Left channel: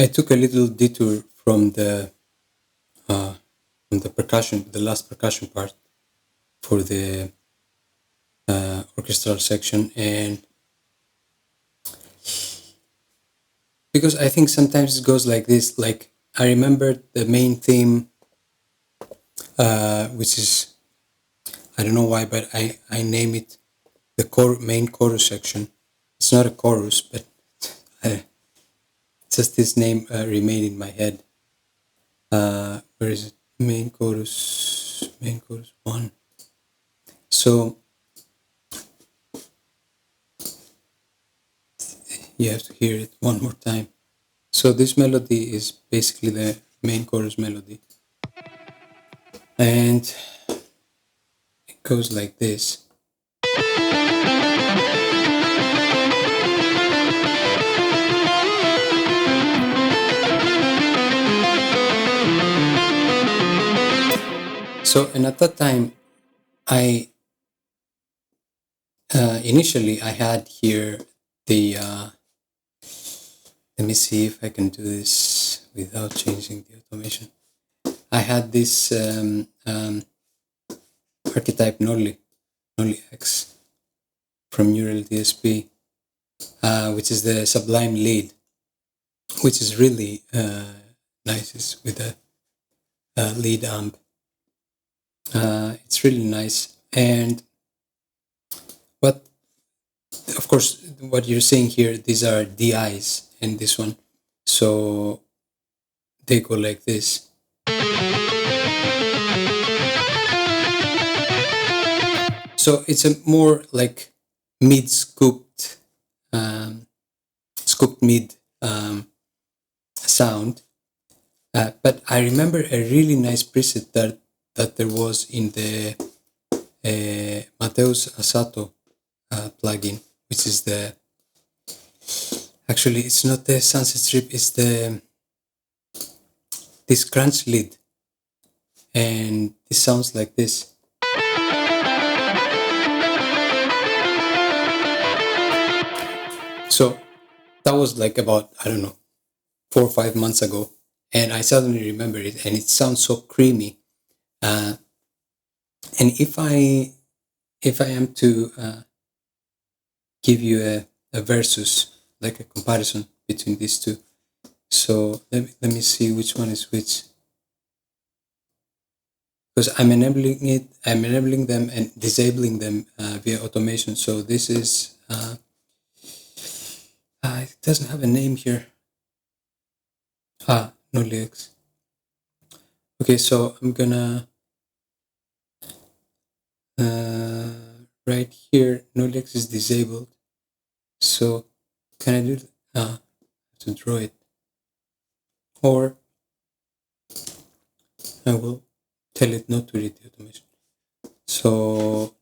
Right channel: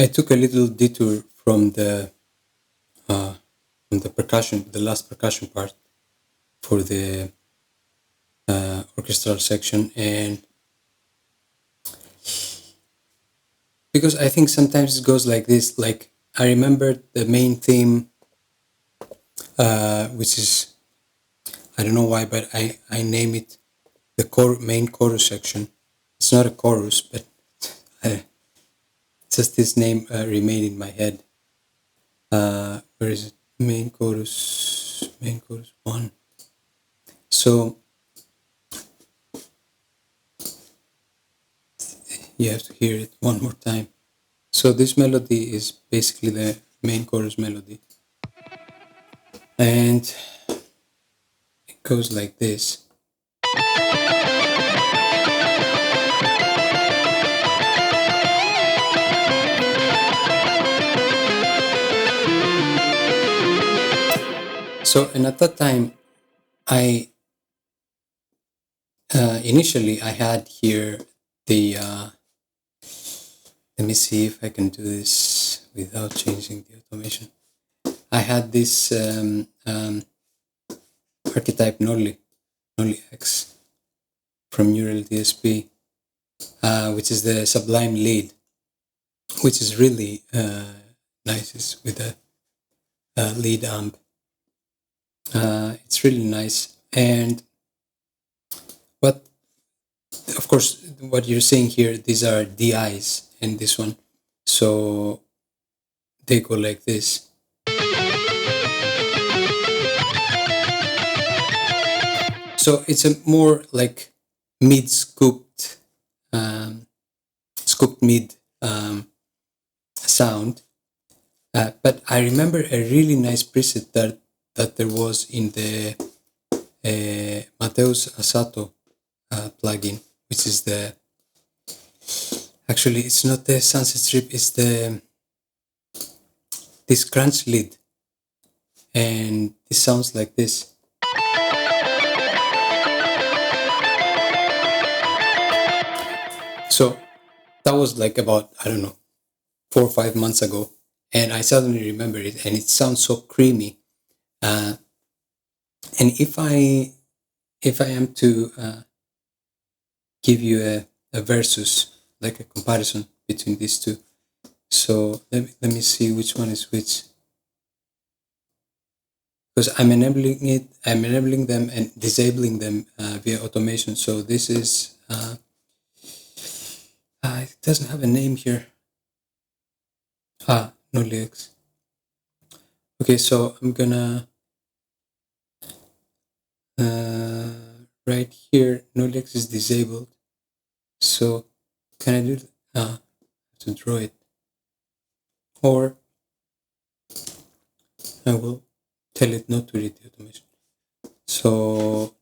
I took a little detour from the percussion, the last percussion part for the orchestral section, and because I think sometimes it goes like this. Like I remember the main theme, which is, I don't know why, but I name it the main chorus section. It's not a chorus, but just this name remained in my head. Where is it? Main chorus 1. So you have to hear it one more time. So this melody is basically the main chorus melody. And it goes like this. So, and at that time, I initially I had here the let me see if I can do this without changing the automation. I had this archetype Nolly X from Neural DSP, which is the Sublime lead, which is really nice. It's with a lead amp. It's really nice. And what, of course, what you're seeing here, these are DIs and this one. So they go like this. So it's a more like mid-scooped, scooped mid sound. But I remember a really nice preset that there was in the Mateus Asato plugin, which is actually it's not the Sunset Strip, it's this crunch lead, and it sounds like this. So that was like about, I don't know, 4 or 5 months ago, and I suddenly remember it, and it sounds so creamy. And if I am to give you a versus, like a comparison between these two, so let me see which one is which, because I'm enabling them and disabling them via automation. So this is it doesn't have a name here. Nolly X. Okay, so I'm gonna right here, Nolly X is disabled. So can I do to draw it, or I will tell it not to read the automation. So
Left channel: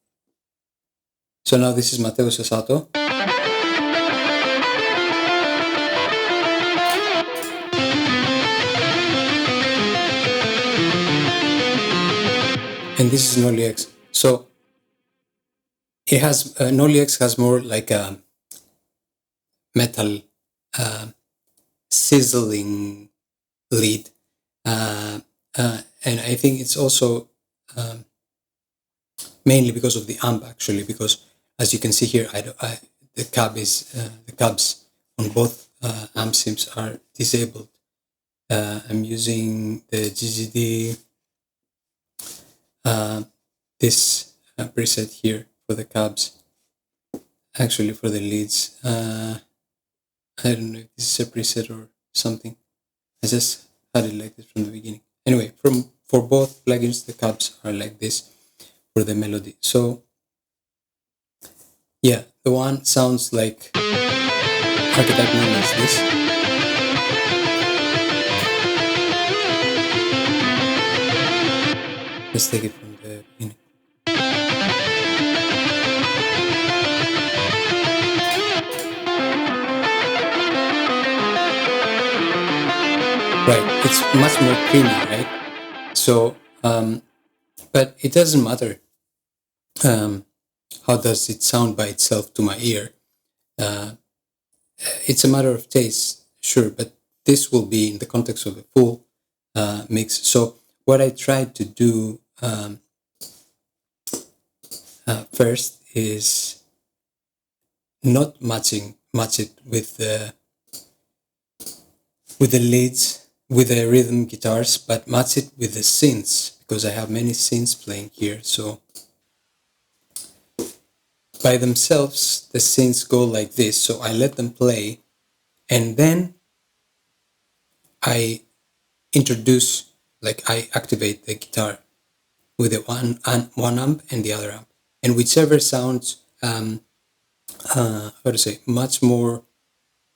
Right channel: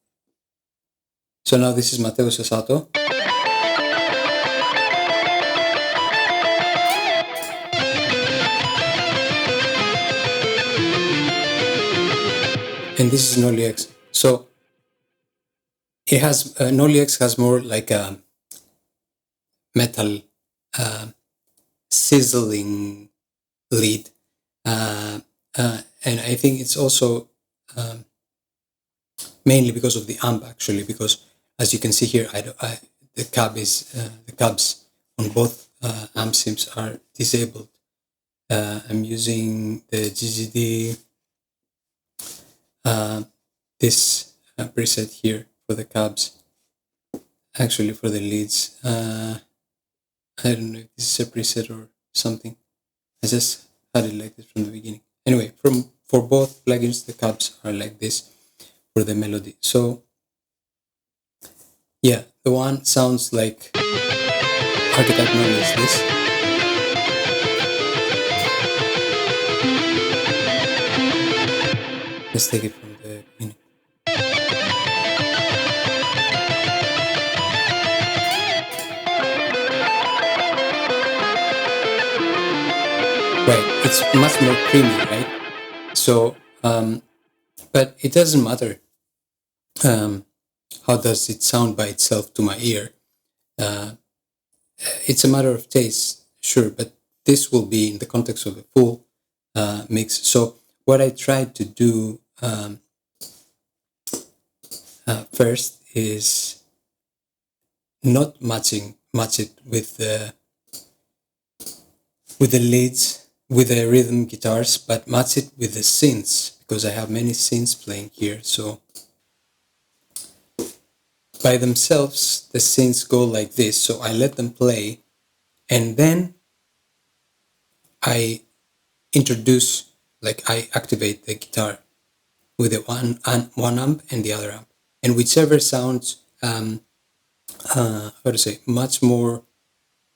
now this is Mateus Asato. And this is Nolly X. So it has, Nolly X has more like a metal sizzling lead. And I think it's also mainly because of the amp, actually, because as you can see here, the cabs on both amp sims are disabled. I'm using the GGD this preset here for the cabs, actually for the leads. I don't know if this is a preset or something. I just had it like this from the beginning. Anyway, for both plugins, the cabs are like this for the melody. So yeah, the one sounds like archetype Nolly is this. Let's take it from the beginning. Right, it's much more creamy, right? So, but it doesn't matter how does it sound by itself to my ear. It's a matter of taste, sure, but this will be in the context of a full mix. So what I tried to do first is not match it with the leads, with the rhythm guitars, but match it with the synths, because I have many synths playing here. So by themselves, the synths go like this. So I let them play, and then I introduce, like I activate the guitar with the one amp and the other amp, and whichever sounds much more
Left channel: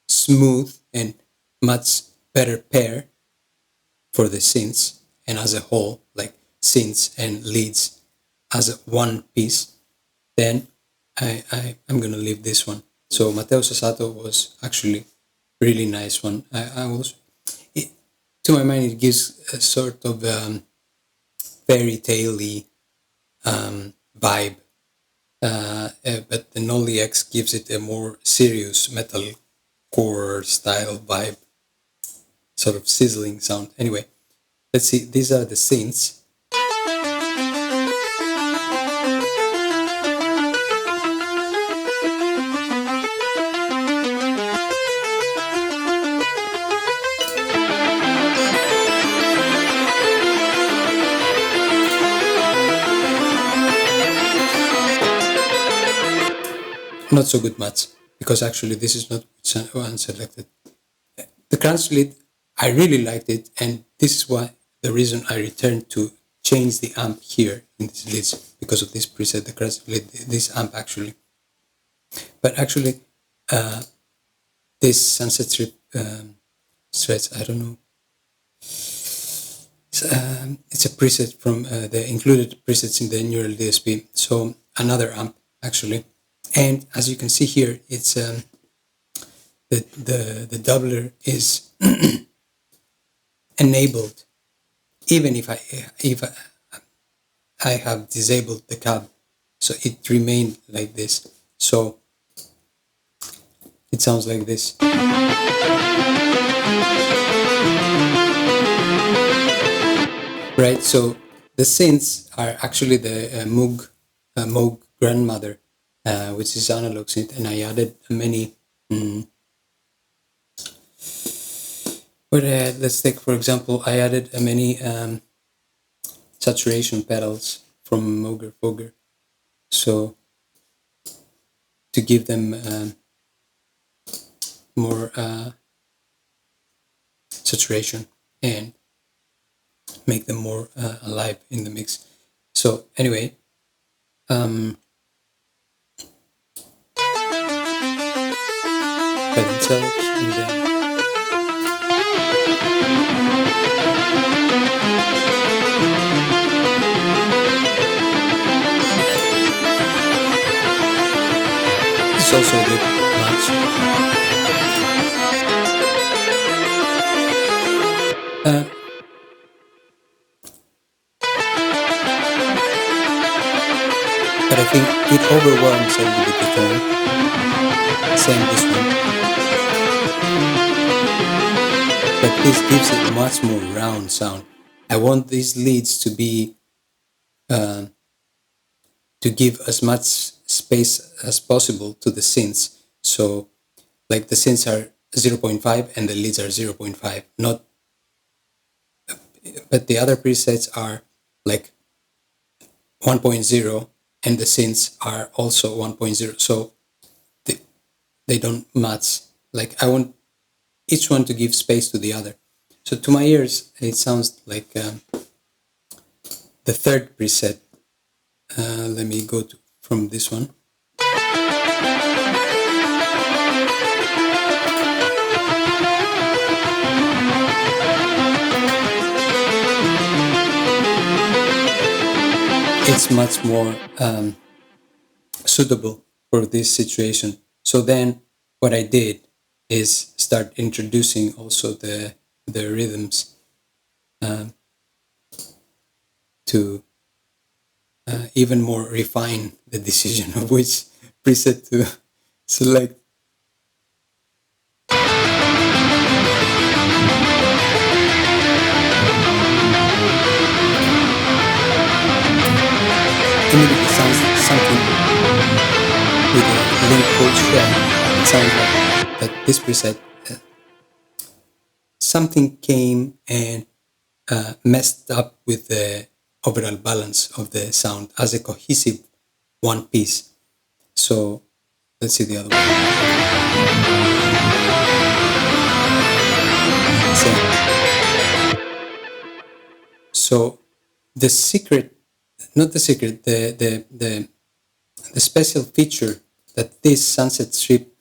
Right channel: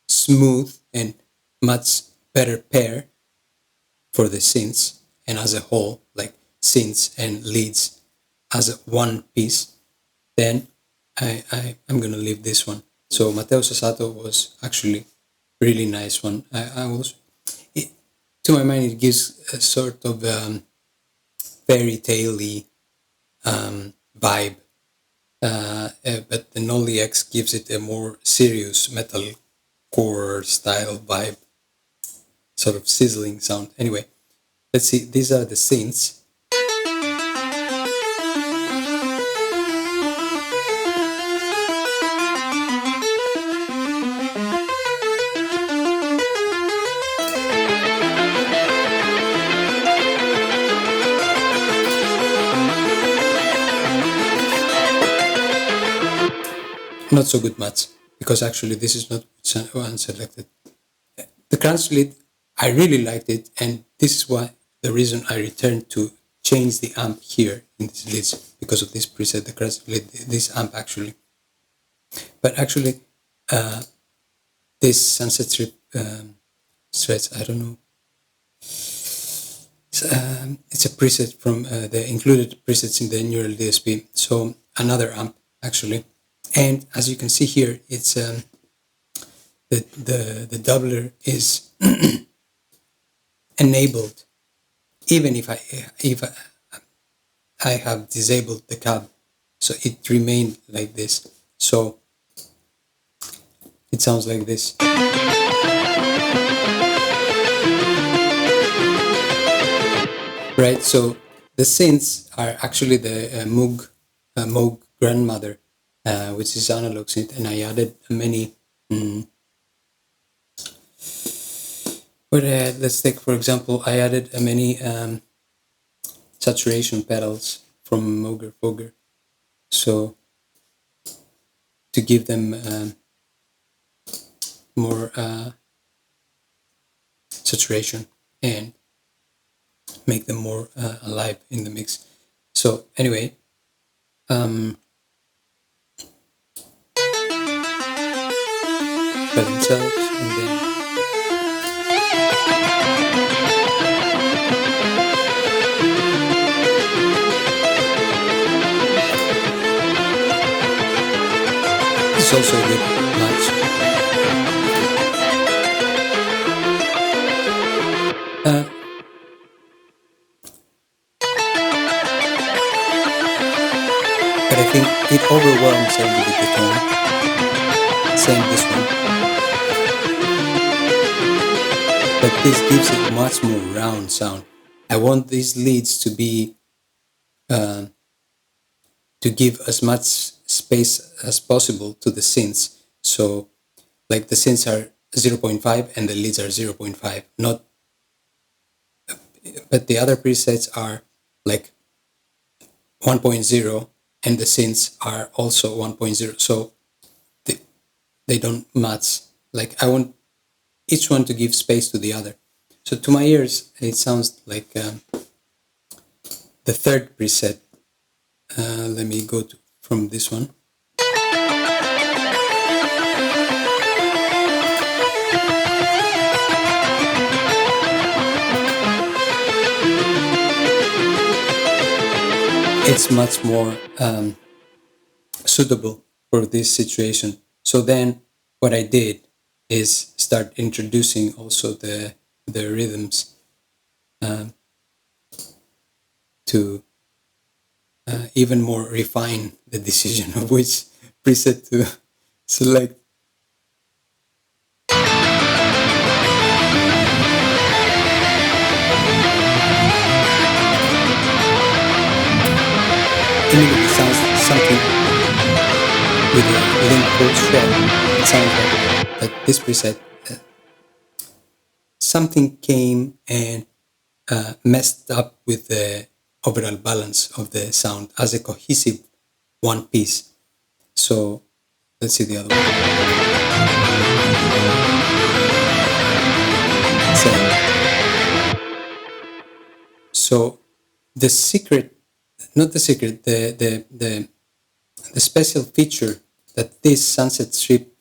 smooth and much better pair for the synths and as a whole, like synths and leads as one piece, then I'm gonna leave this one. So Mateus Asato was actually really nice one. To my mind, it gives a sort of fairy tale-y vibe, but the Nolly X gives it a more serious metalcore style vibe, sort of sizzling sound. Anyway, let's see. These are the synths. Not so good match, because actually this is not one selected. The crunch lead, I really liked it, and this is why the reason I returned to change the amp here in these leads, because of this preset, the crunch lead, this amp actually. But actually, this Sunset Strip stretch, I don't know. It's a preset from the included presets in the neural DSP. So another amp actually. And as you can see here, it's the doubler is enabled, even if I have disabled the cab, so it remained like this. So it sounds like this. Right. So the synths are actually the Moog Grandmother, which is analog synth, and I added many. Let's take, for example, I added many saturation pedals from Moog, so to give them more saturation and make them more alive in the mix. So anyway, by themselves, and then it's also a good match. But I think it overwhelms a little bit the tone. Same this one. But this gives it much more round sound. I want these leads to be to give as much space as possible to the synths. So like the synths are 0.5 and the leads are 0.5, not, but the other presets are like 1.0 and the synths are also 1.0. So they don't match. Like I want each one to give space to the other. So to my ears, it sounds like the third preset. Let me go from this one. It's much more suitable for this situation. So then what I did is start introducing also the rhythms to even more refine the decision of which preset to select. immediately sounds something with a link called shell. It sounds like that this preset, something came and messed up with the overall balance of the sound as a cohesive one piece. So let's see the other one. Same. So the secret, not the secret, the special feature that this Sunset Strip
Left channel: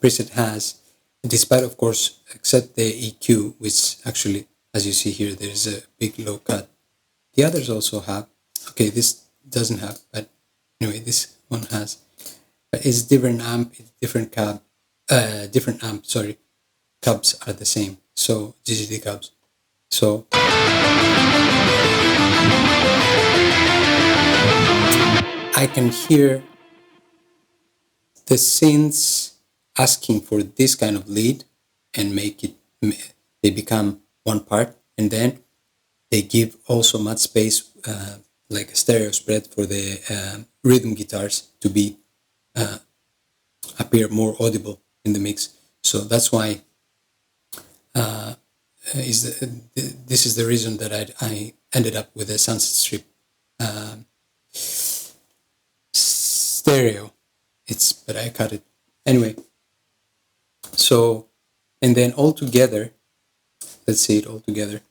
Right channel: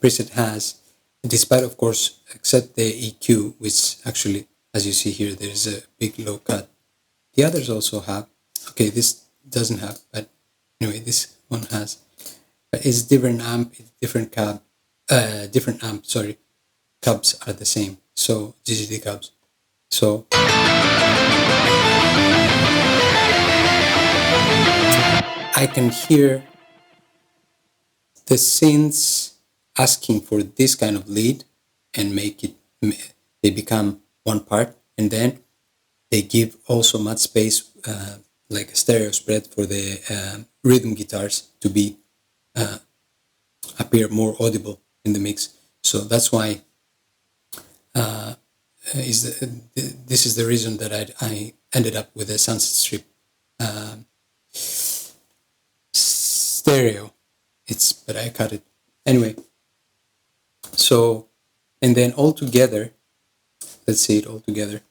preset has, despite of course, except the EQ, which actually, as you see here, there's a big low cut. The others also have. Okay, this doesn't have, but anyway, this one has. But it's different amp, it's different cab, different amp. Sorry, cabs are the same. So GGD cabs. So I can hear the synths asking for this kind of lead and make it, they become one part, and then they give also much space, like a stereo spread for the rhythm guitars to be appear more audible in the mix. So that's why this is the reason that I ended up with a Sunset Strip stereo. But I cut it anyway. So, and then all together, let's say it all together.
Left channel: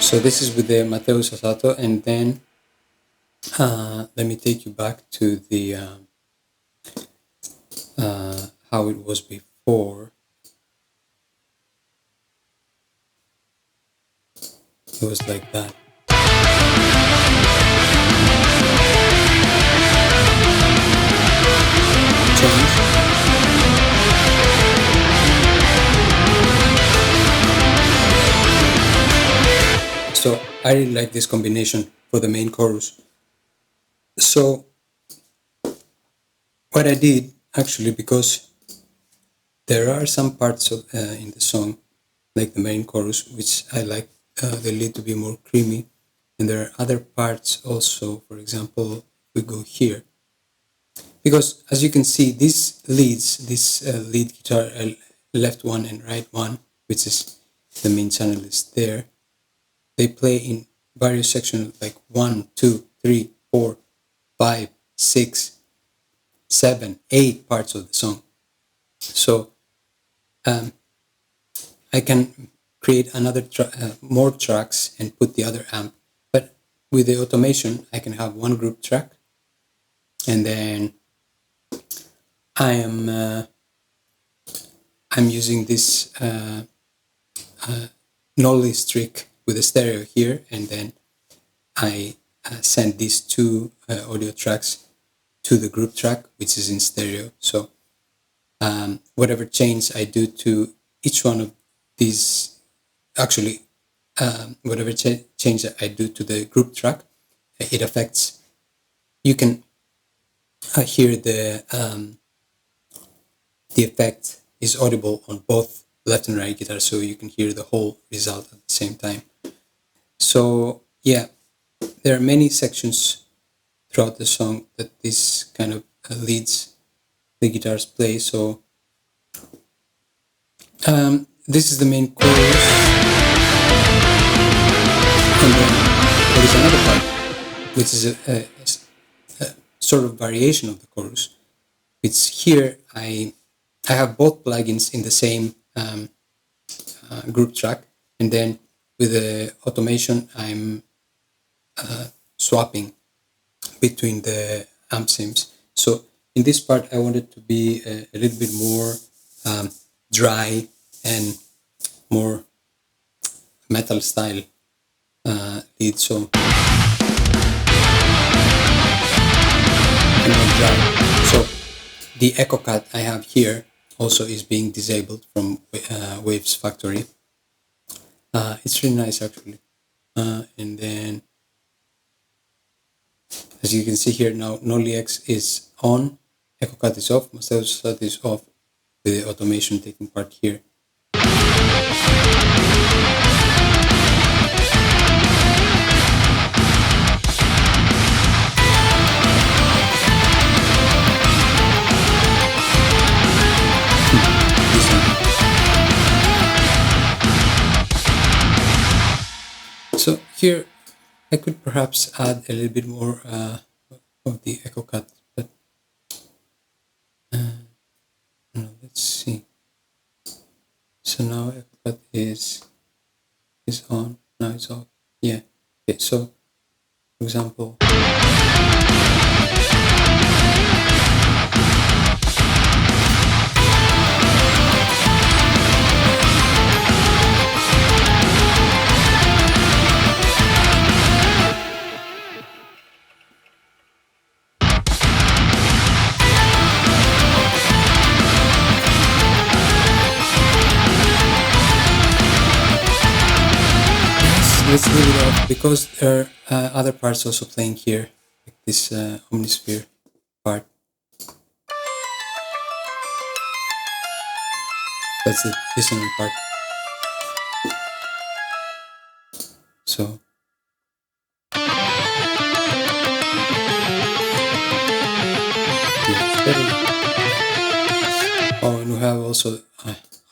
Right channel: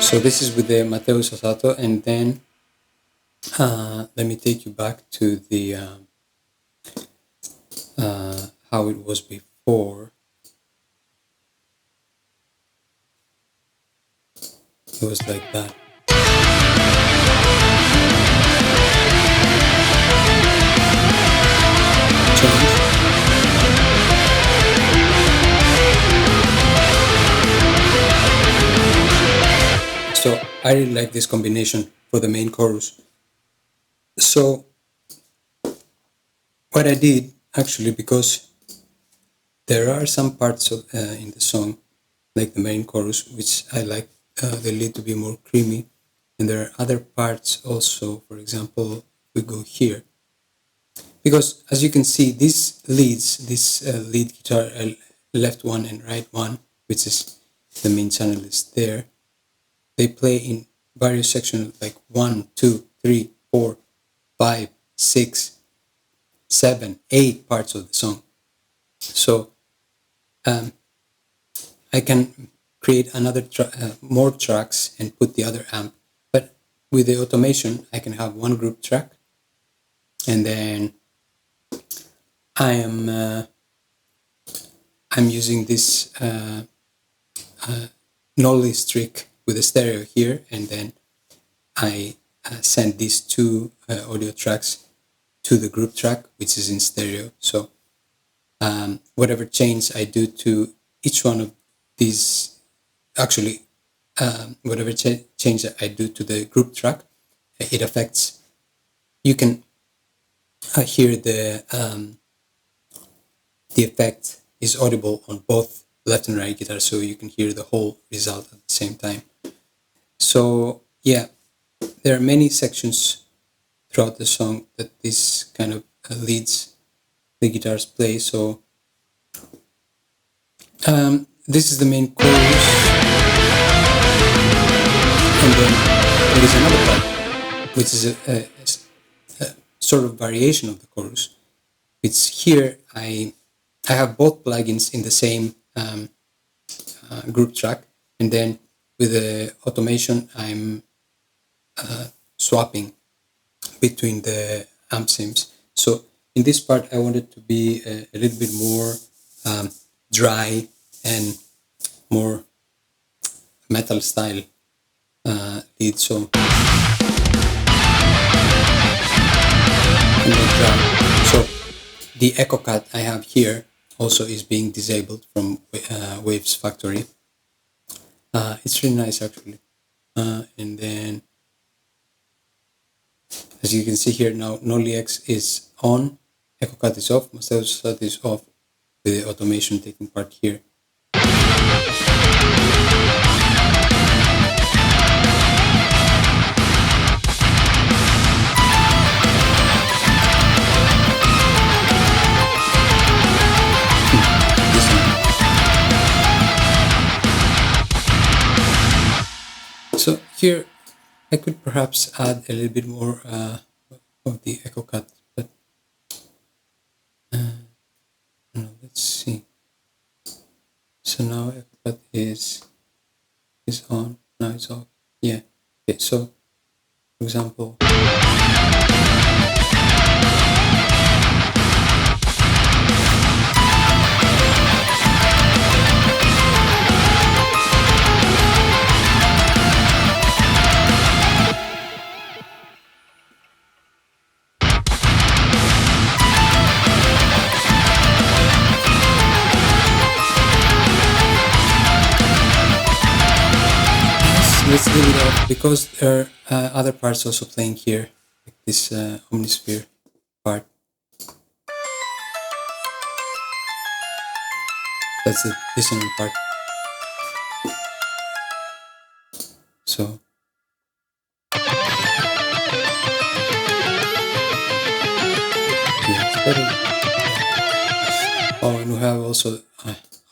So this is with the Mateus Asato, and then let me take you back to the how it was before. It was like that. Change. So I really like this combination for the main chorus. So what I did, actually, because there are some parts of, in the song, like the main chorus, which I like the lead to be more creamy, and there are other parts also. For example, we go here, because as you can see, these leads, this lead guitar, left one and right one, which is the main channel, is there. They play in various sections, like 1, 2, 3, 4, 5, 6, 7, 8 parts of the song. So I can create another more tracks and put the other amp. But with the automation, I can have one group track, and then I'm using this Nolly trick with a stereo here, and then I send these two audio tracks to the group track, which is in stereo. So whatever change I do to each one of these, actually, whatever change I do to the group track, it affects. You can hear the effect is audible on both left and right guitar, so you can hear the whole result at the same time. So yeah, there are many sections throughout the song that this kind of leads the guitars play. So this is the main chorus, and then there is another part, which is a sort of variation of the chorus. It's here I have both plugins in the same group track, and then with the automation I'm swapping between the amp sims. So in this part I wanted to be a little bit more dry and more metal style lead, so and not dry. So the echo cut I have here also is being disabled from Waves Factory. It's really nice, actually. And then as you can see here now, Nolly X is on, Echo Cut is off, Mateus Asato is off, with the automation taking part here. So here I could perhaps add a little bit more of the echo cut, but no, let's see. So now echo cut is on, now it's off. Yeah. Okay, so for example, let's leave it off because there are other parts also playing here, like this omnisphere part. That's the dissonant part. So yeah, it's better. Oh, and we have also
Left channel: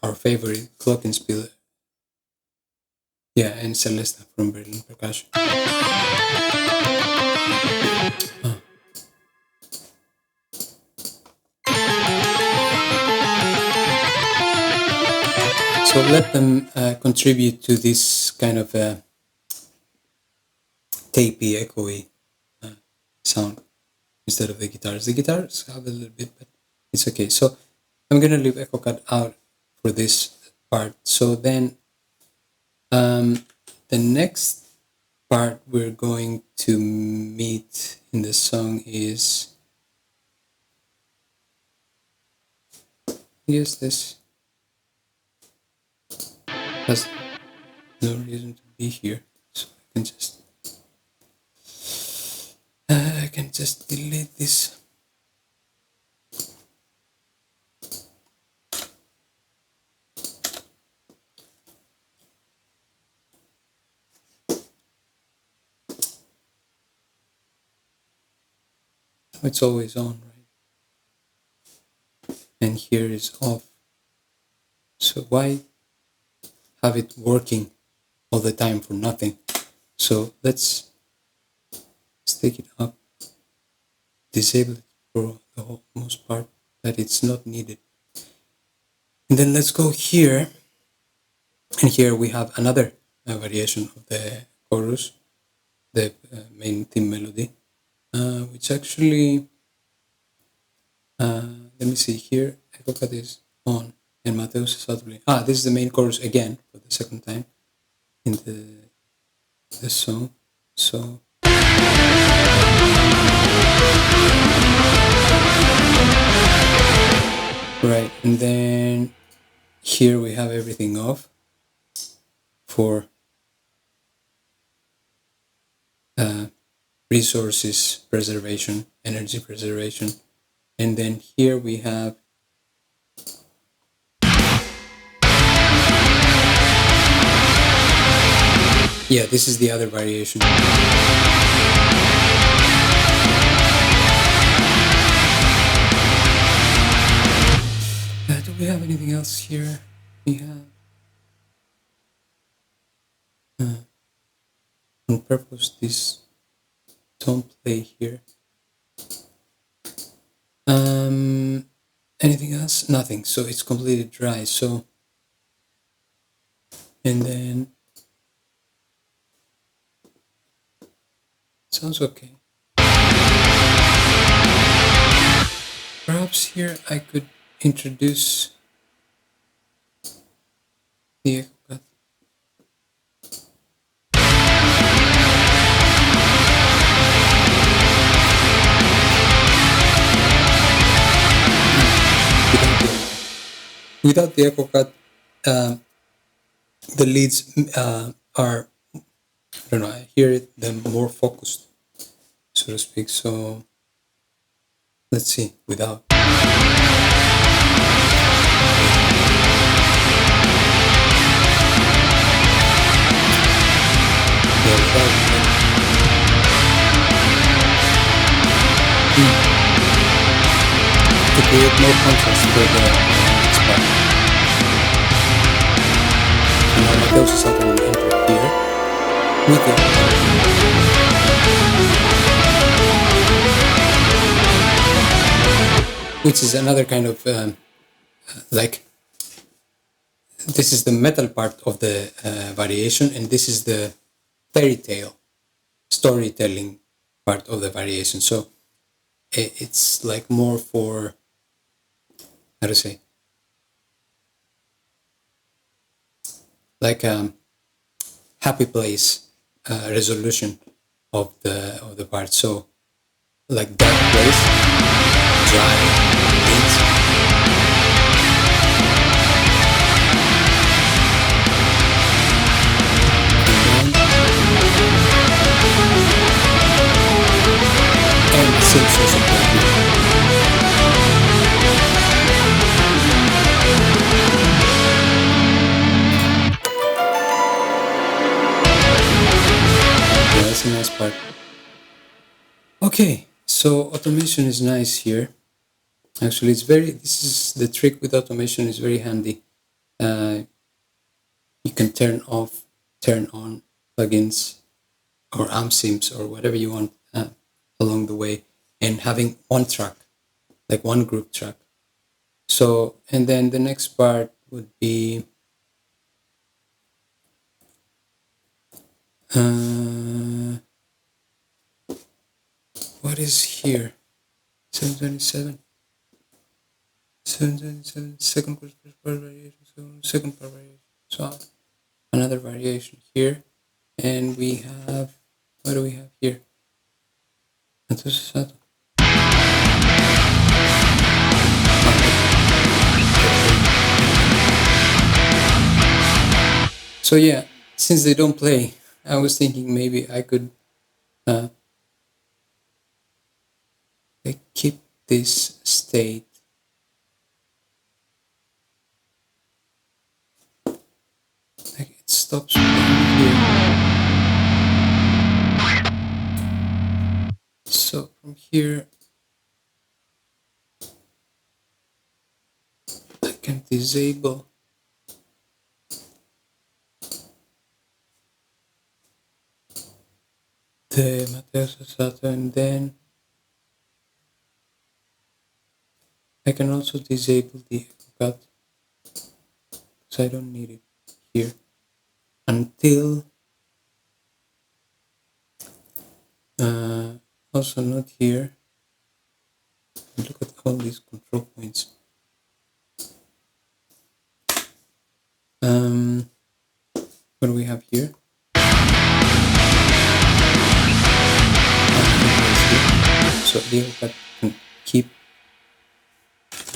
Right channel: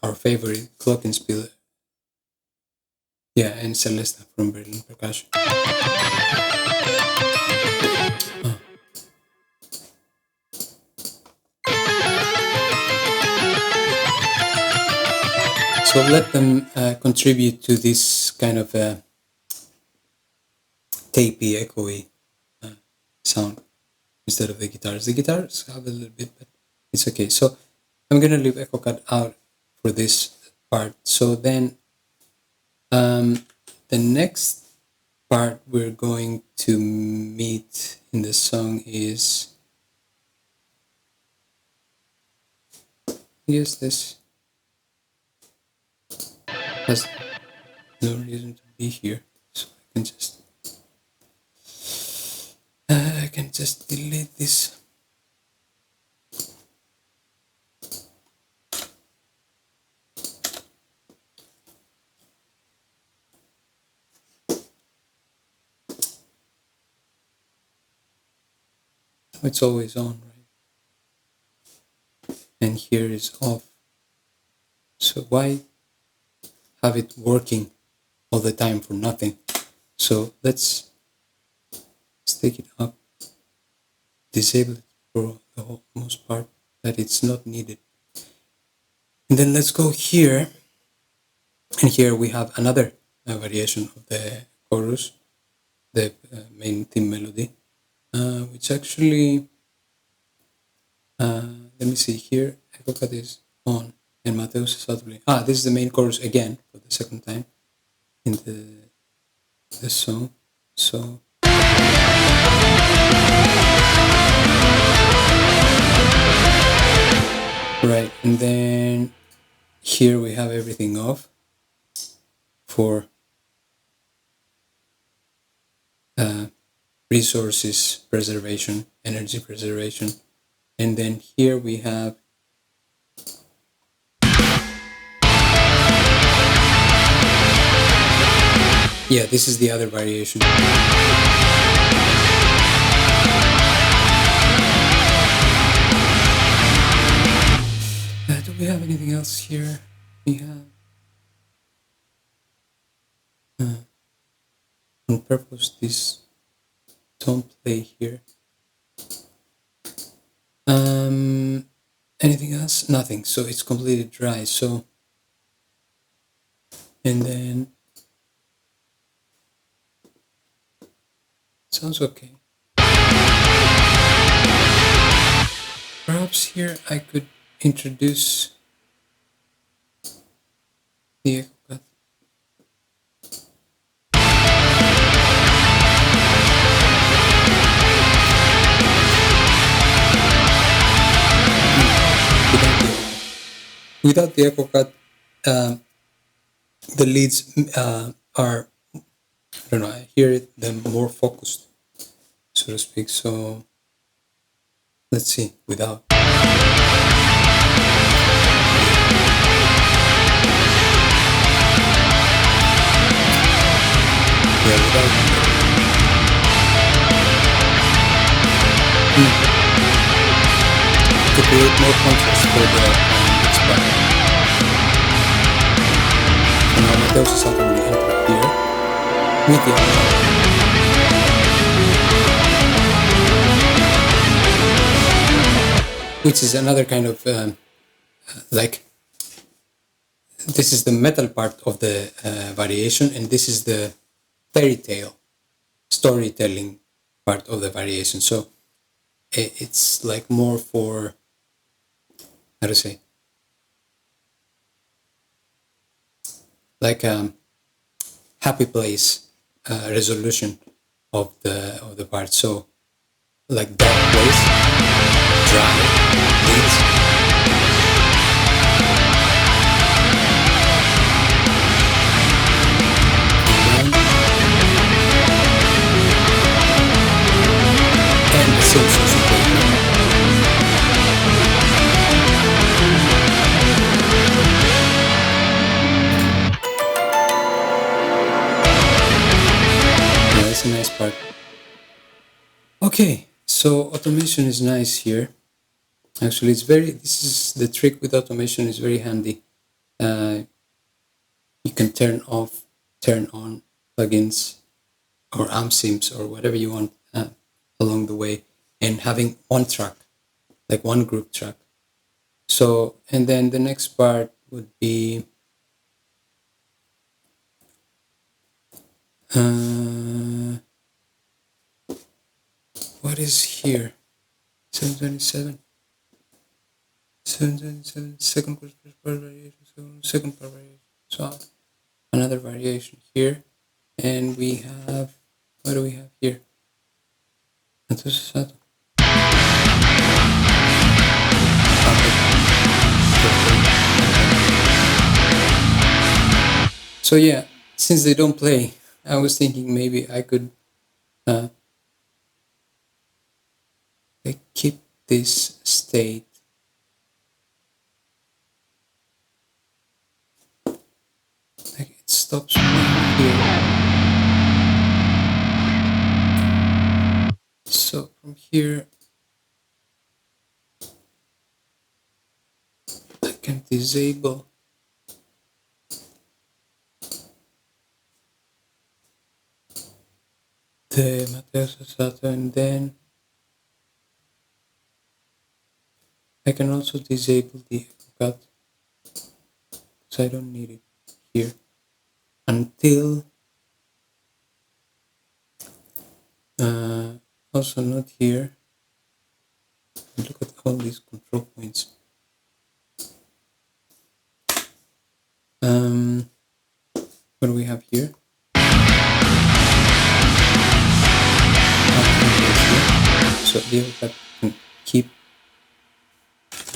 our favorite glockenspiel. Yeah, and Celesta from Berlin Percussion. So let them contribute to this kind of tapey, echoey sound instead of the guitars. The guitars have a little bit, but it's okay. So I'm gonna leave echo cut out for this part. So then the next part we're going to meet in the song is, I guess this has no reason to be here, so I can just delete this. It's always on, right? And here is off. So why have it working all the time for nothing? So let's take it up, disable it for the whole most part, that it's not needed. And then let's go here. And here we have another variation of the chorus, the main theme melody, which actually, let me see here, echo cut is on, and Mateus Asato. This is the main chorus again for the second time in the song. So right, and then here we have everything off for resources preservation, energy preservation. And then here we have this is the other variation. Do we have anything else here? We have on purpose this don't play here. Anything else? Nothing. So it's completely dry. So, and then sounds okay. Perhaps here I could introduce the echo cut. Without the echo cut, the leads are, I don't know, I hear them more focused. so to speak. So let's see, without. Yeah, without better. To create more contrast for the next part. So now Mateus Asato will enter here with the output. Which is another kind of like, this is the metal part of the variation, and this is the fairy tale storytelling part of the variation. So it's like more for, how to say, like happy place resolution of the part. So like dark place, dry leads, and the synths also play here. Yeah, that's a nice part. Okay, so automation is nice here. Actually, this is the trick with automation, is very handy. You can turn off, turn on plugins or amp sims or whatever you want along the way, and having one track, like one group track. So, and then the next part would be what is here? 727. 727, second part variation, second part variation. So another variation here, and we have, what do we have here? Mateus Asato. So yeah, since they don't play, I was thinking maybe I could keep this state. Like it stops playing here. So from here, I can disable the Mateus Asato, and then I can also disable the echo cut, so I don't need it here until also not here. Look at all these control points. What do we have here? Here. So the echo cut can keep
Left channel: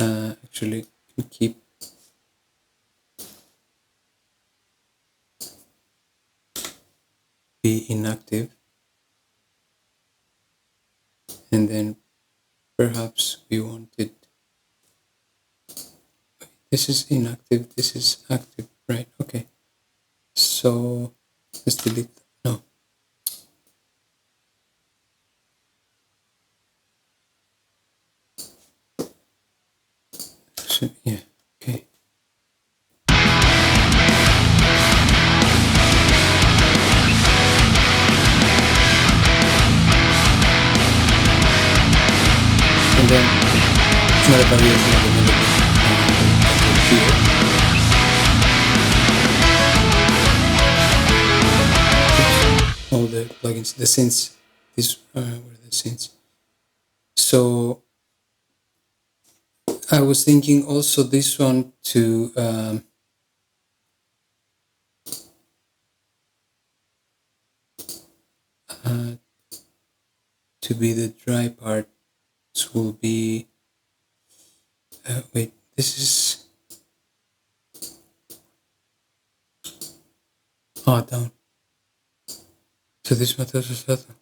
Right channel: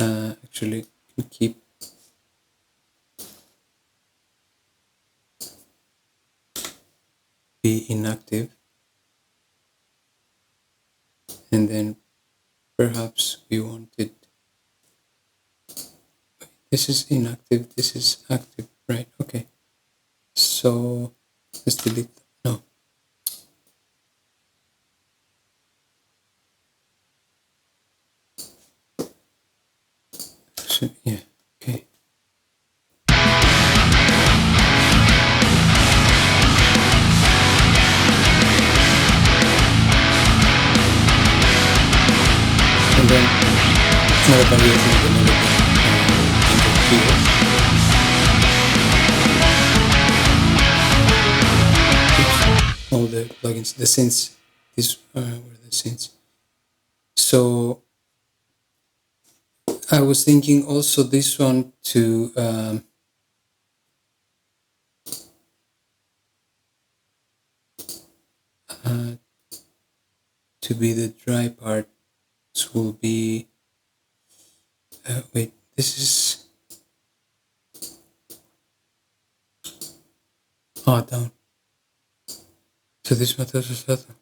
actually can keep be inactive, and then perhaps we want it, this is inactive, this is active, right? Okay, so let's delete, no, so, yeah, okay. And then another variation of the melody enter here. Oops. All the plugins, the synths, these were the synths. So I was thinking also this one to be the dry part. This will be wait, this is down. So this Mateus Asato.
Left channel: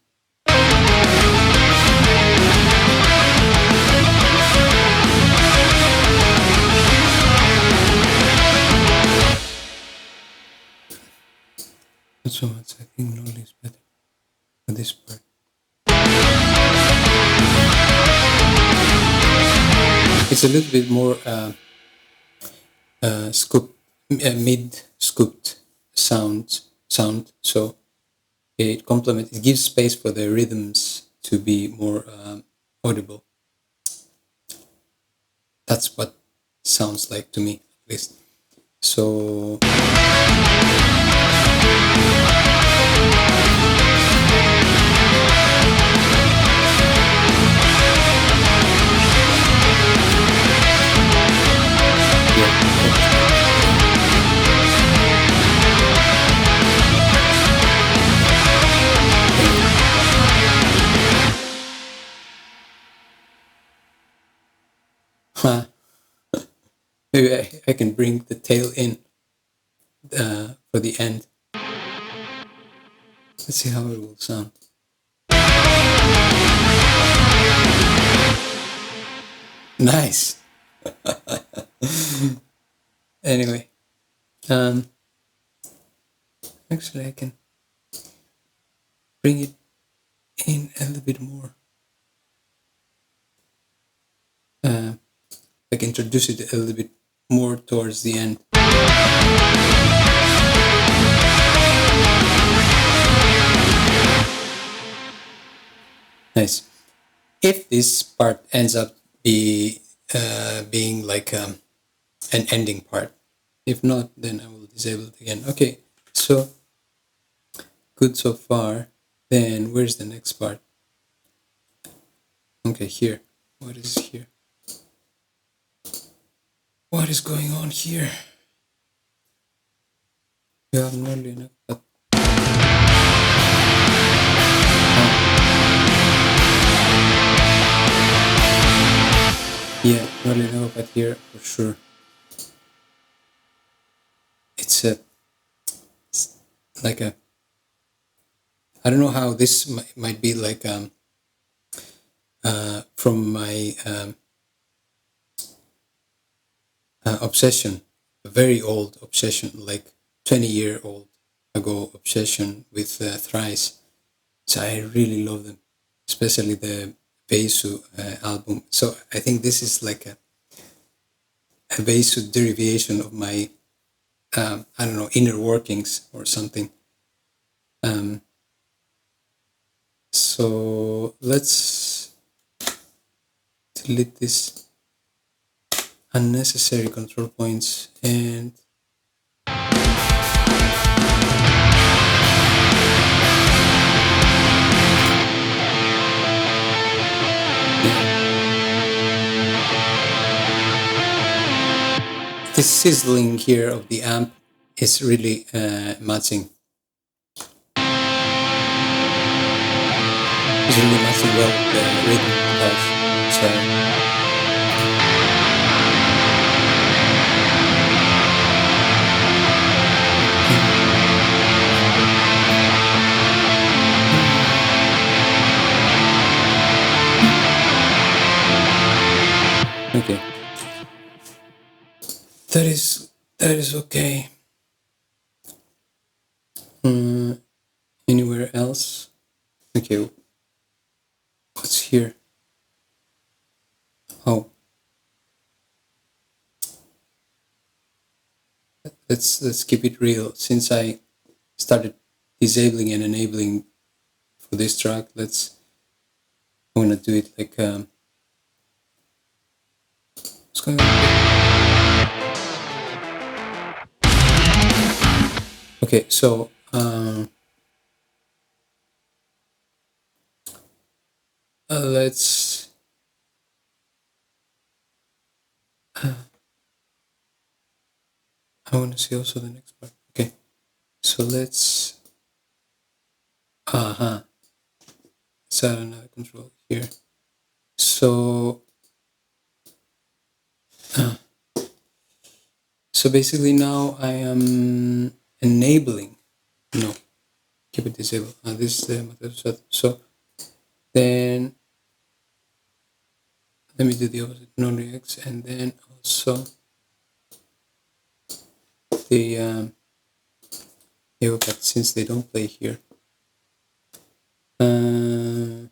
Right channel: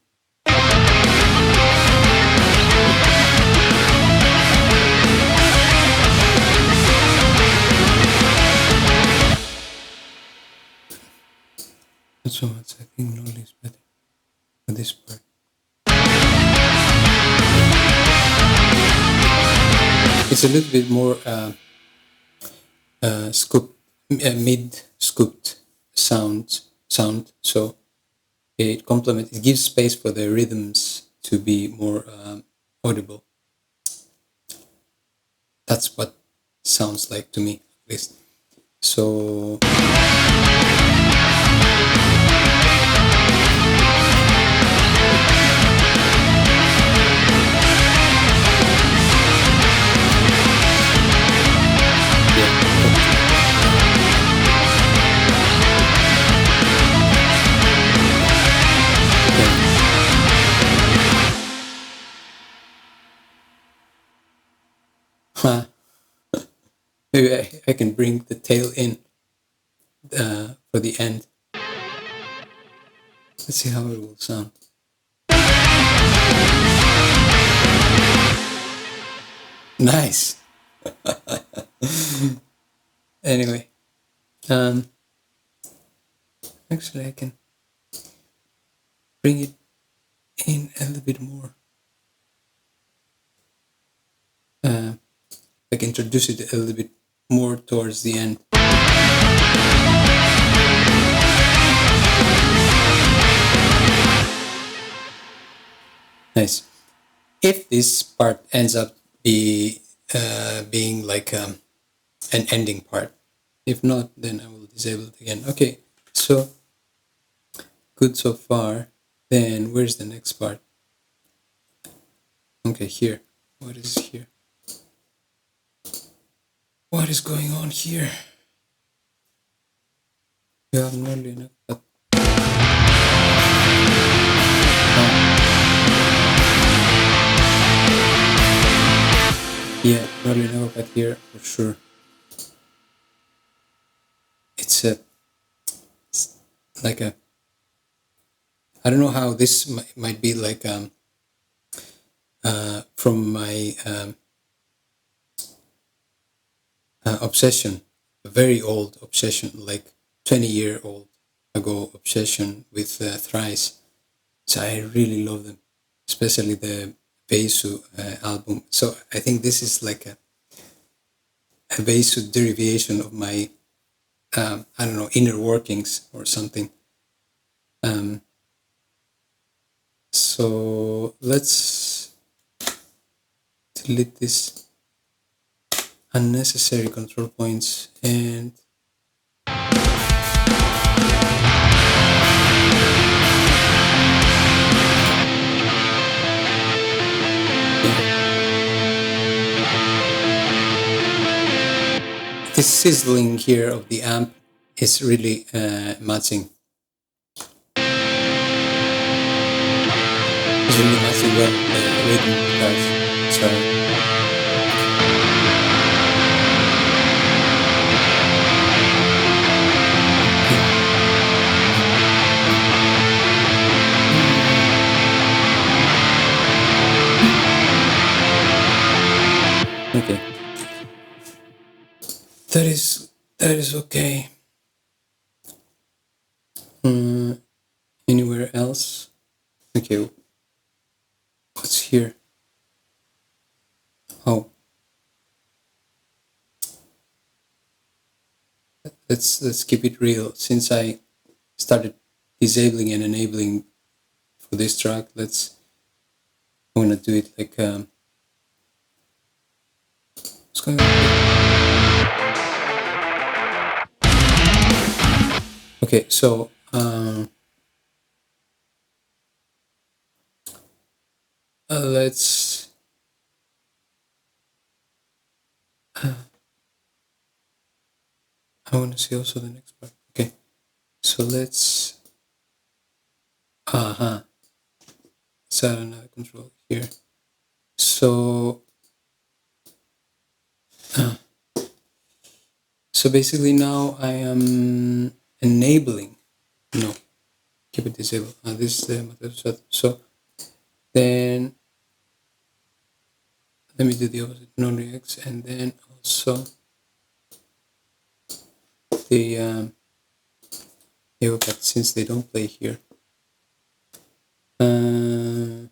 Not so much. I think Nolly is better for this part. It's a little bit more mid-scooped sound. So it gives space for the rhythms to be more audible. That's what sounds like to me, at least. So maybe I can bring the tail in for the end. Let's see how it will sound. Nice. Anyway, actually I can bring it in a little bit more. Like introduce it a little bit more towards the end. Nice. If this part ends up being like an ending part, if not, then I will disable it again. Okay, so good so far. Then where's the next part? Okay, here. What is here? What is going on here? You have Nolly enough, but yeah, Nolly enough, but here for sure. It's like a. I don't know how this might be like from my obsession, a very old obsession, like 20-year-old ago obsession with Thrice. So I really love them, especially the Beisu album. So I think this is like a Beisu derivation of my, I don't know, inner workings or something. So let's delete this unnecessary control points and this sizzling here of the amp is really matching. It's really matching well the rhythm guitars. Sorry. Okay. That is okay. Anywhere else? Okay. What's here? Oh. Let's keep it real. Since I started disabling and enabling for this track, I wanna do it like what's going on here? Okay, so let's I want to see also the next part. Okay, so let's let's add another control here. So so basically now I am enabling. No, keep it disabled. This is the Mateus Asato. So then let me do the opposite, non-reacts, and then also the Yeah, but since they don't play here, and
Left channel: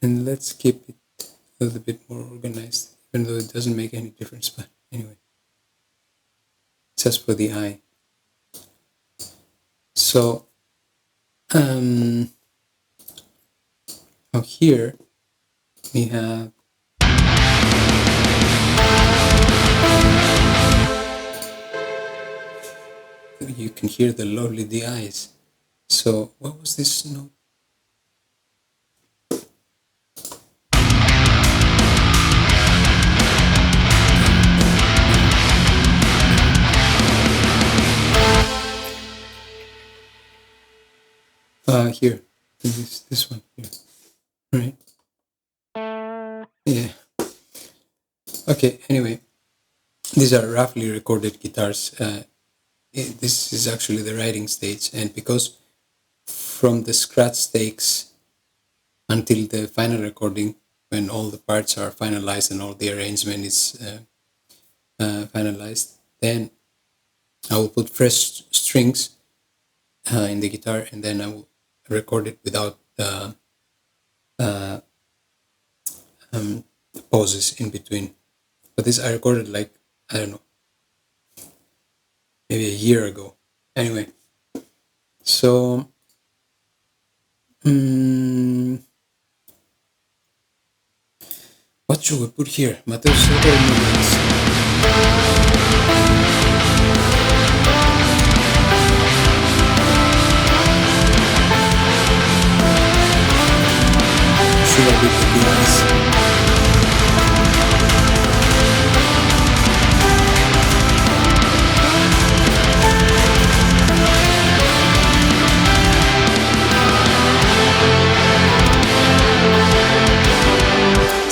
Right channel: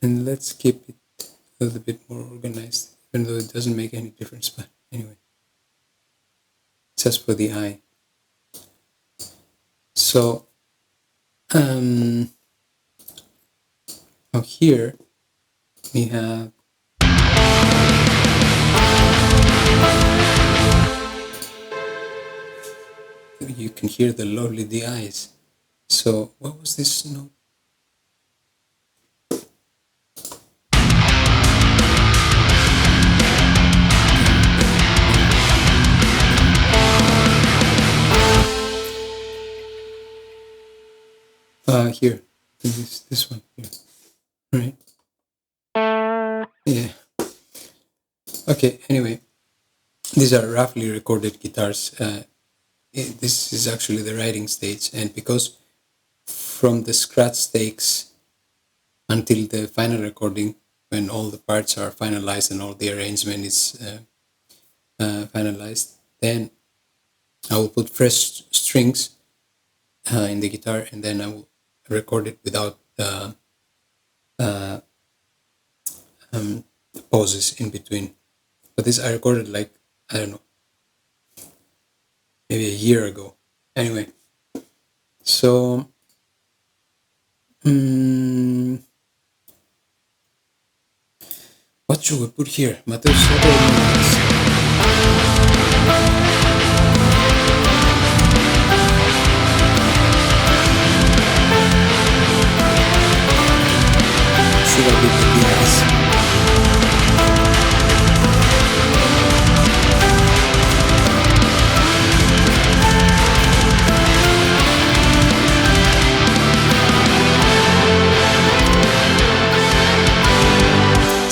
let's keep it a little bit more organized, even though it doesn't make any difference. But anyway, just for the eye. So now here we have you can hear the lovely DIs. So what was this note? Here, this one here, right? Yeah. Okay. Anyway, these are roughly recorded guitars. This is actually the writing stage, and because from the scratch takes until the final recording, when all the parts are finalized and all the arrangement is finalized, then I will put fresh strings in the guitar, and then I will record it without pauses in between. But this I recorded like, I don't know, maybe a year ago. Anyway, so what should we put here? Mateus Asato or Nolly? Should I leave the DIs?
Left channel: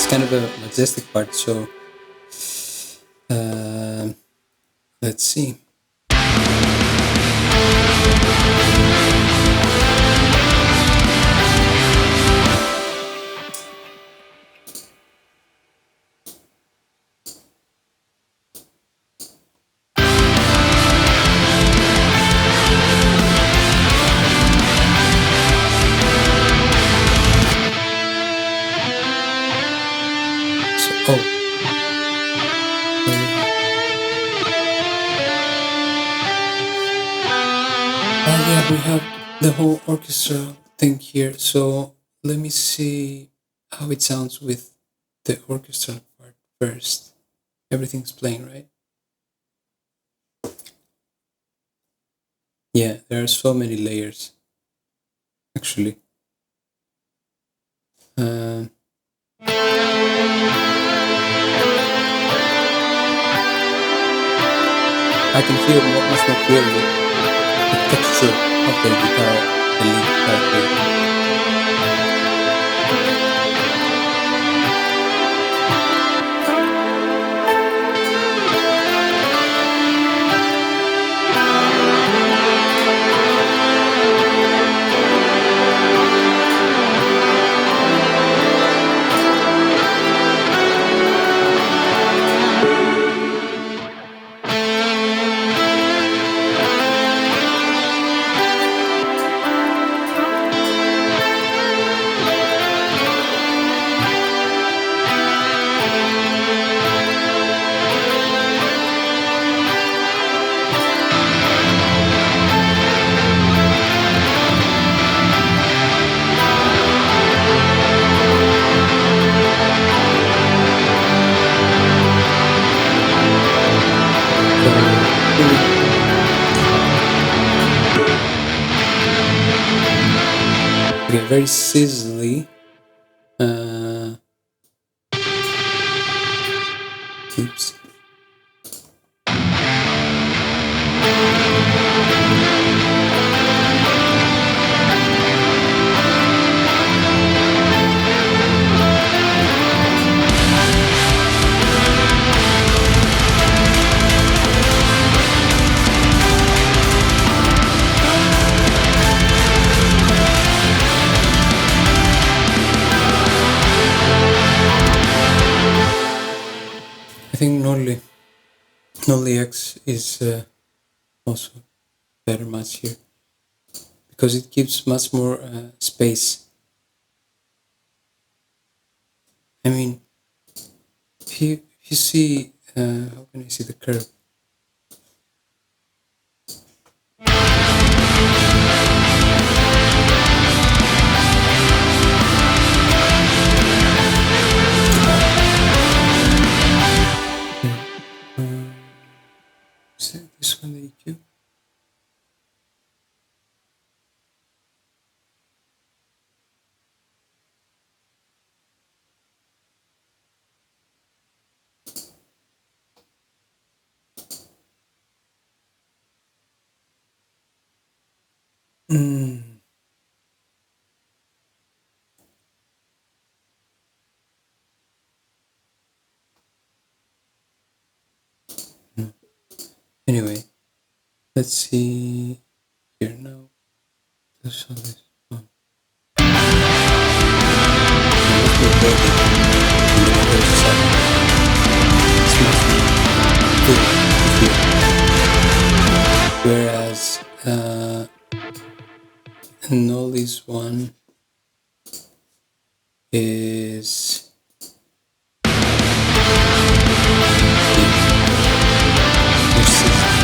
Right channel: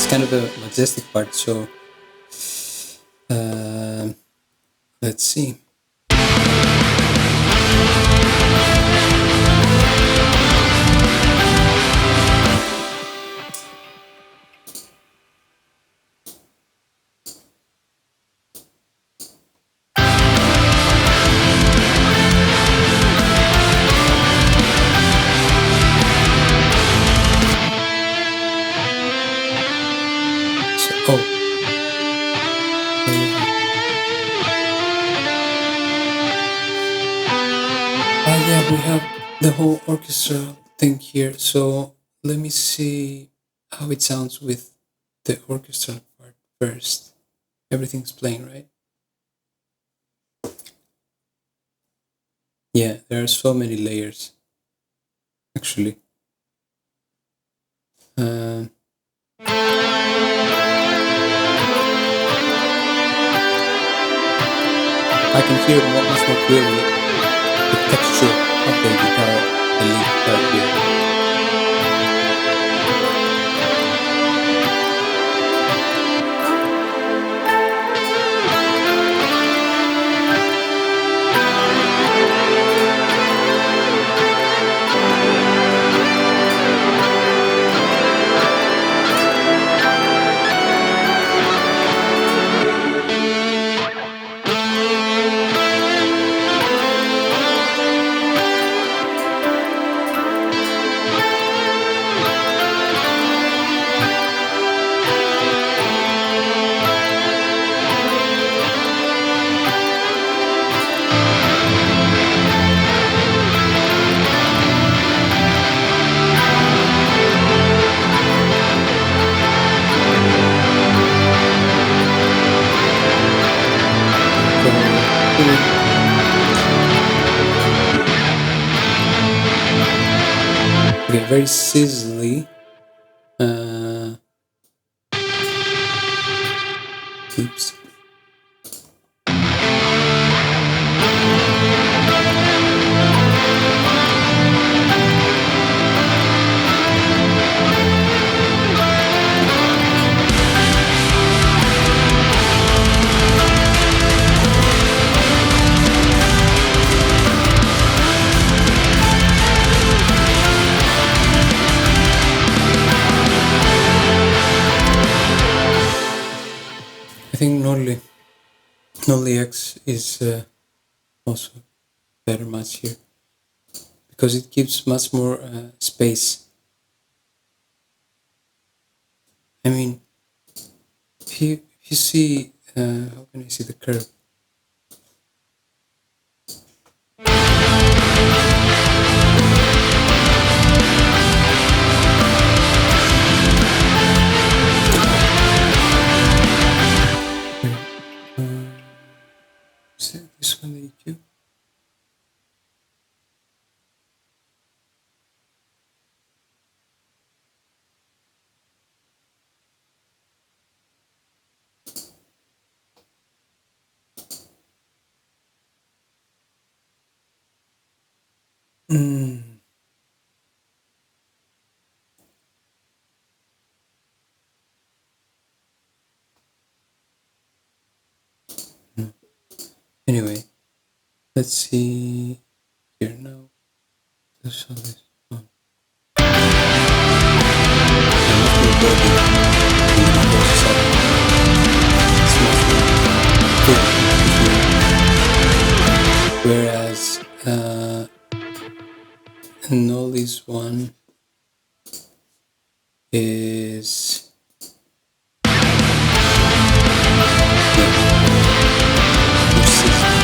Kind of a majestic part, so let's see. Yeah, we have the whole orchestra thing here. So let me see how it sounds with the orchestral part first. Everything's playing, right? Yeah, there are so many layers, actually. I can hear much more clearly the texture of the guitar, the lead guitar here. Okay, very sizzly. Oops. I think Nolly Nolly X is also better match here because it gives much more space. I mean, if you see, how can I see the curve? Is this one the EQ? Anyway, let's see here now. This one is on. I must be broken in the Mateus Asato. It's much more full to hear. Whereas Nolly's one is persistent.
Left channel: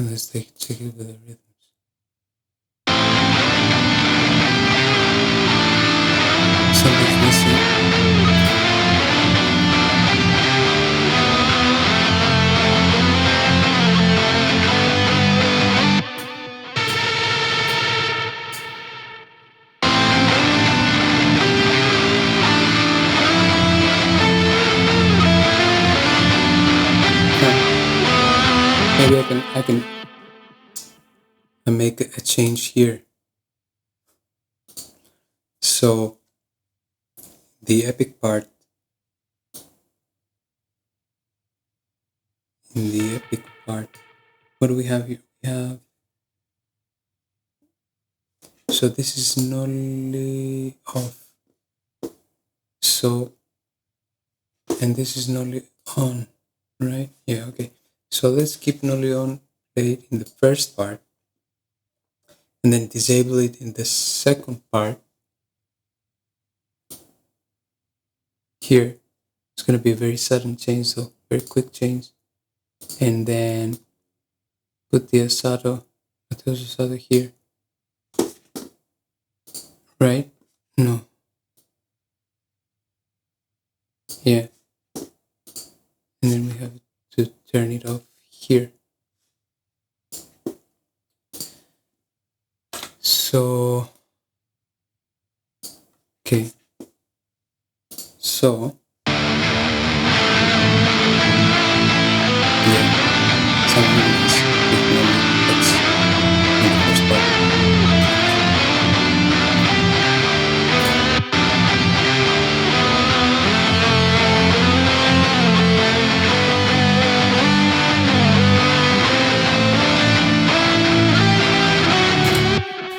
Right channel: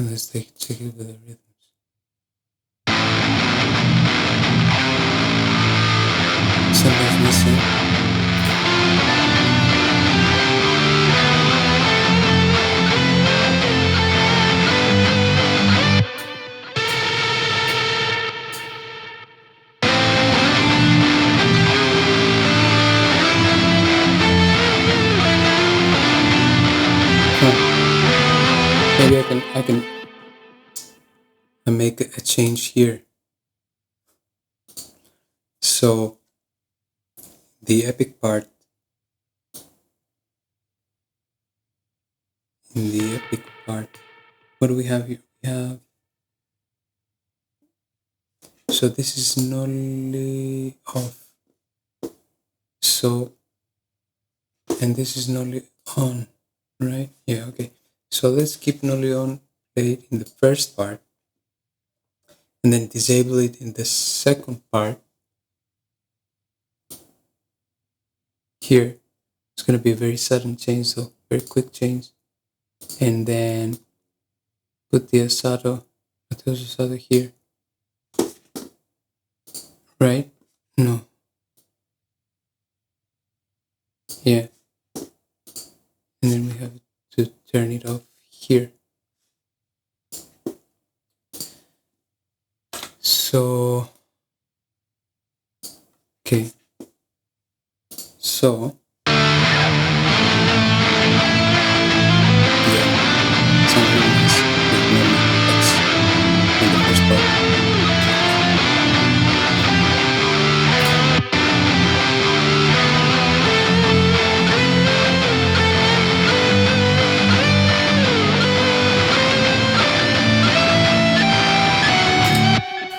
Let's check it with the rhythms. Something's missing. Maybe I can make a change here. So the epic part, in the epic part, what do we have here? We have, so this is Nolly off. So, and this is Nolly on, right? Yeah, okay. So let's keep Nolly on played in the first part and then disable it in the second part. Here, it's going to be a very sudden change, though, very quick change. And then put the Asato, Mateus Asato here. Right? No. Yeah. And then we have to turn it off here. So, okay. So, yeah, sounds really nice with Nolly X in the first part.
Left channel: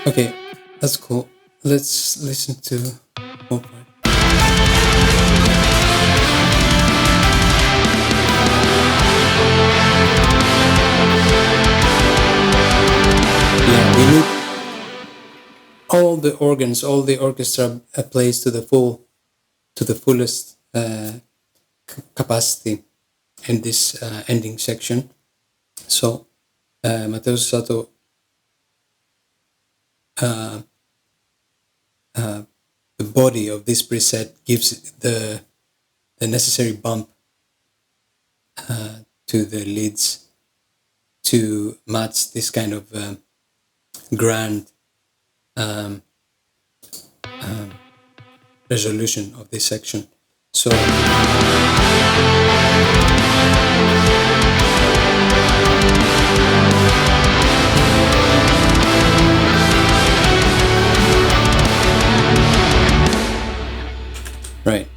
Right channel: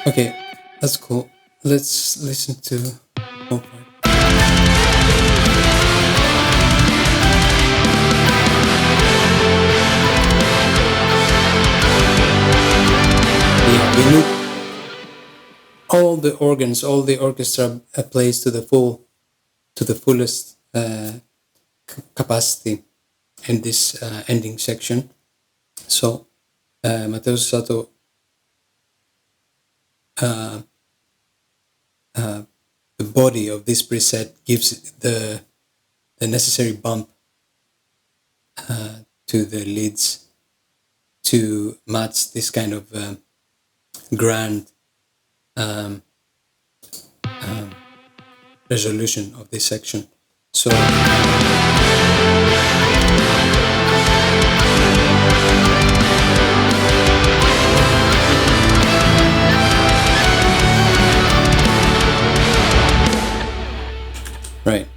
Okay, that's cool. Let's listen to more part. Yeah, we need all the organs, all the orchestra plays to the fullest capacity in this ending section. So Mateus Asato the body of this preset gives the necessary bump to the leads to match this kind of grand resolution of this section. So right.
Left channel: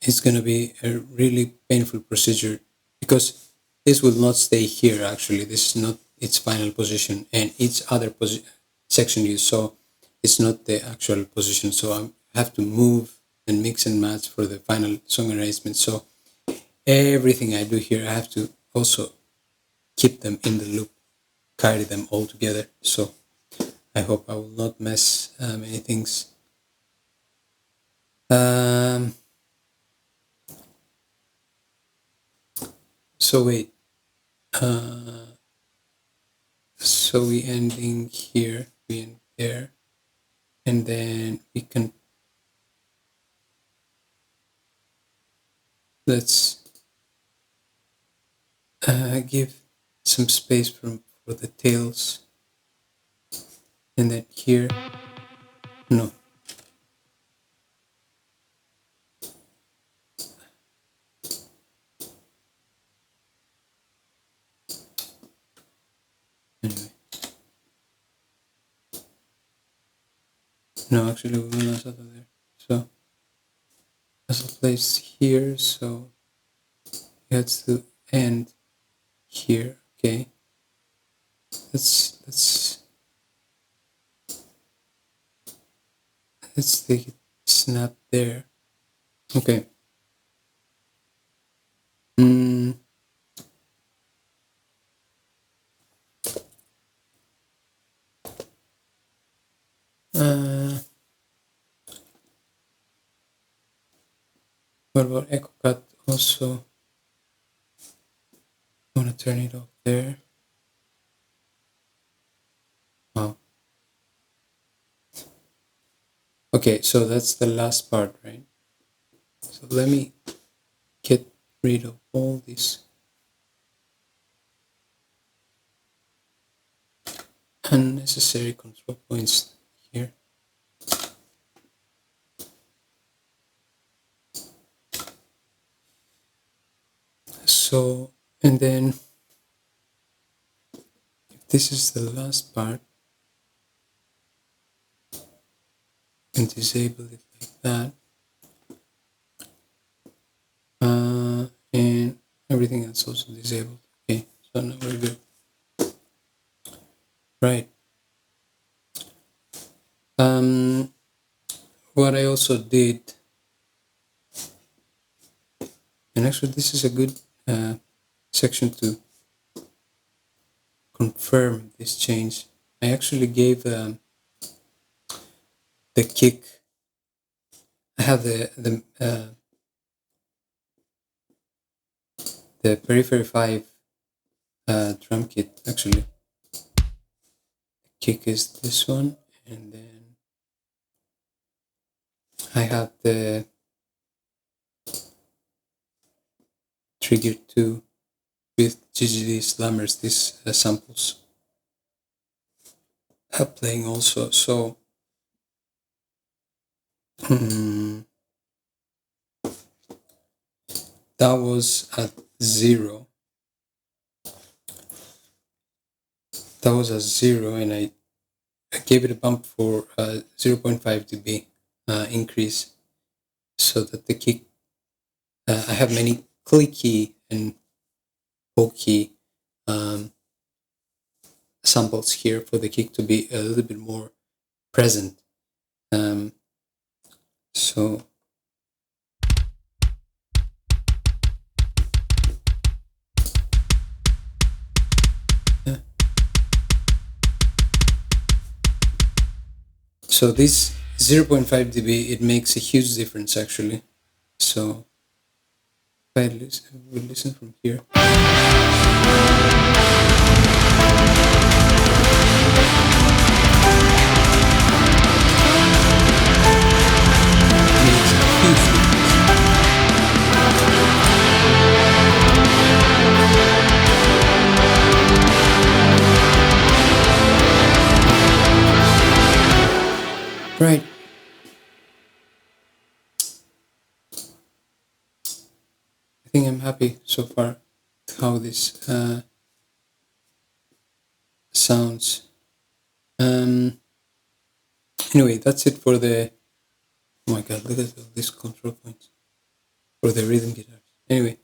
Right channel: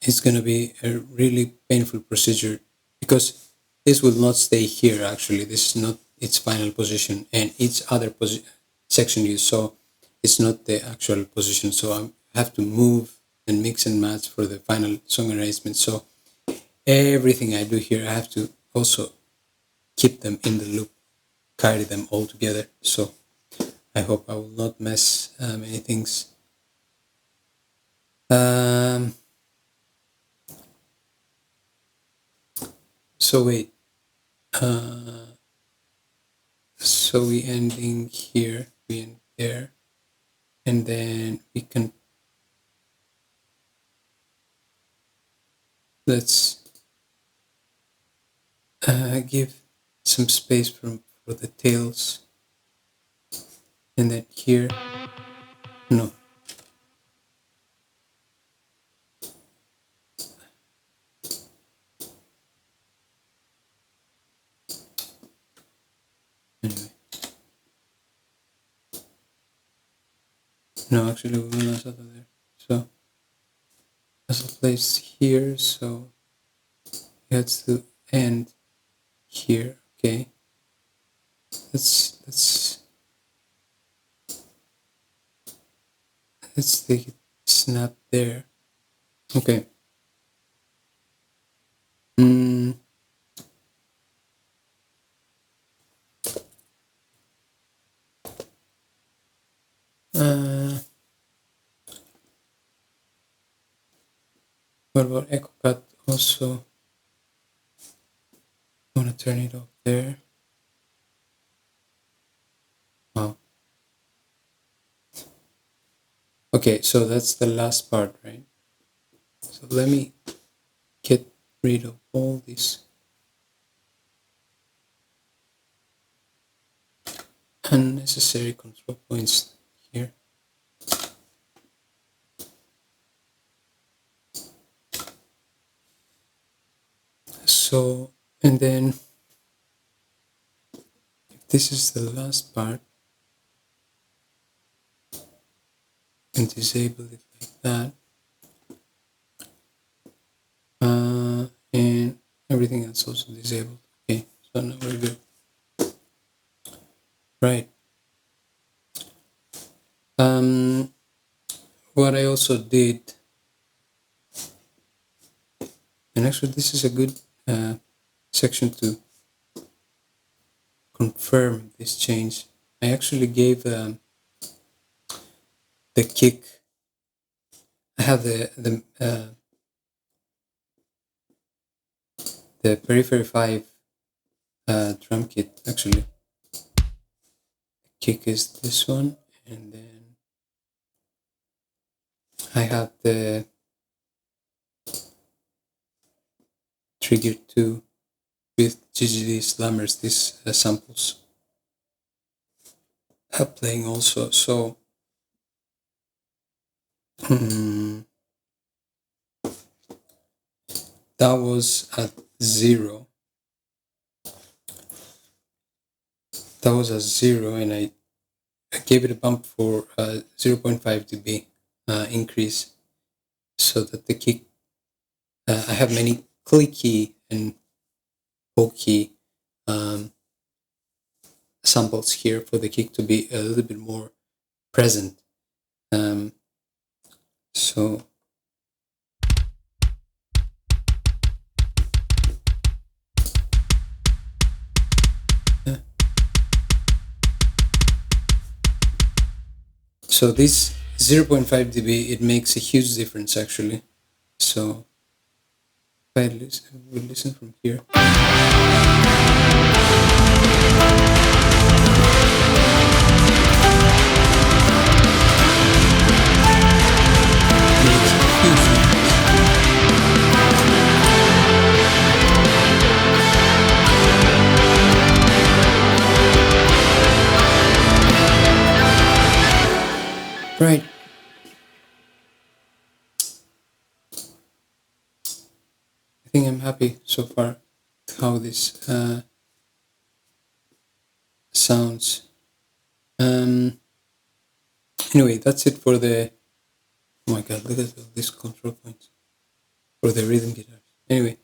It's going to be a really painful procedure because this will not stay here. Actually, this is not its final position, and each other section you saw is not the actual position. So I have to move and mix and match for the final song arrangement. So everything I do here, I have to also keep them in the loop, carry them all together. So I hope I will not mess many things. So wait, so we ending here, we end there, and then we can, let's give some space for the tails, and then here, no. Anyway. No, actually we will Asato there. So as a place here, so it has to end here. Okay. Let's take it snap there. Okay. What about echo cut also? I want to turn it off there. Wow. Okay, so that's the last part, right? So let me get rid of all these unnecessary control points here. So, and then if this is the last part, and disable it like that, and everything else also disabled. Okay, so now we're good. Right. What I also did, and actually this is a good section to confirm this change. I actually gave the kick. I have the Periphery V drum kit. Actually, the kick is this one, and then I have the trigger 2 with GGD Slammers, these samples playing also. So that was at 0. That was at 0, and I gave it a bump for 0.5 dB increase, so that the kick, I have many clicky and pokey samples here for the kick to be a little bit more present. So so this 0.5 dB, it makes a huge difference actually. So if I listen from here, makes Huge difference. Right. I think I'm happy so far how this sounds. Anyway, that's it for the. Oh my god! Look at all these control points for the rhythm guitars. Anyway,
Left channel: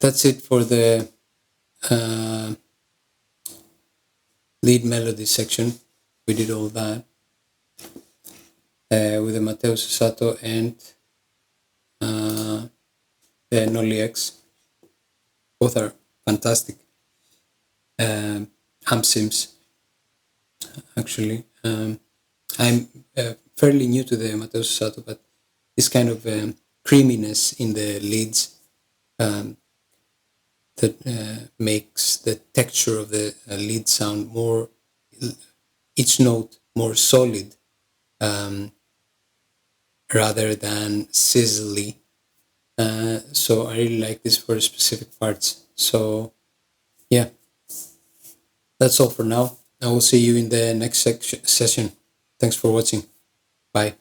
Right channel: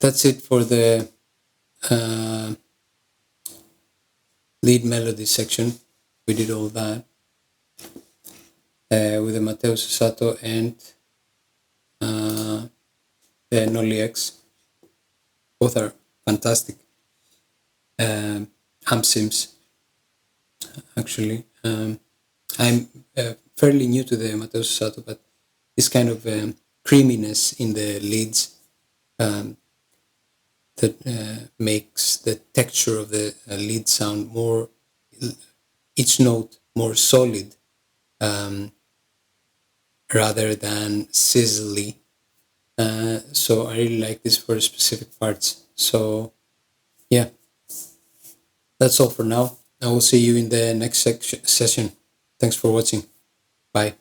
that's it for the lead melody section. We did all that with the Mateus Asato and the Nolly X. Both are fantastic amp sims. Actually, I'm fairly new to the Mateus Asato, but this kind of creaminess in the leads that makes the texture of the lead sound more, each note more solid rather than sizzly. So I really like this for specific parts. So yeah, that's all for now. I will see you in the next session. Thanks for watching. Bye.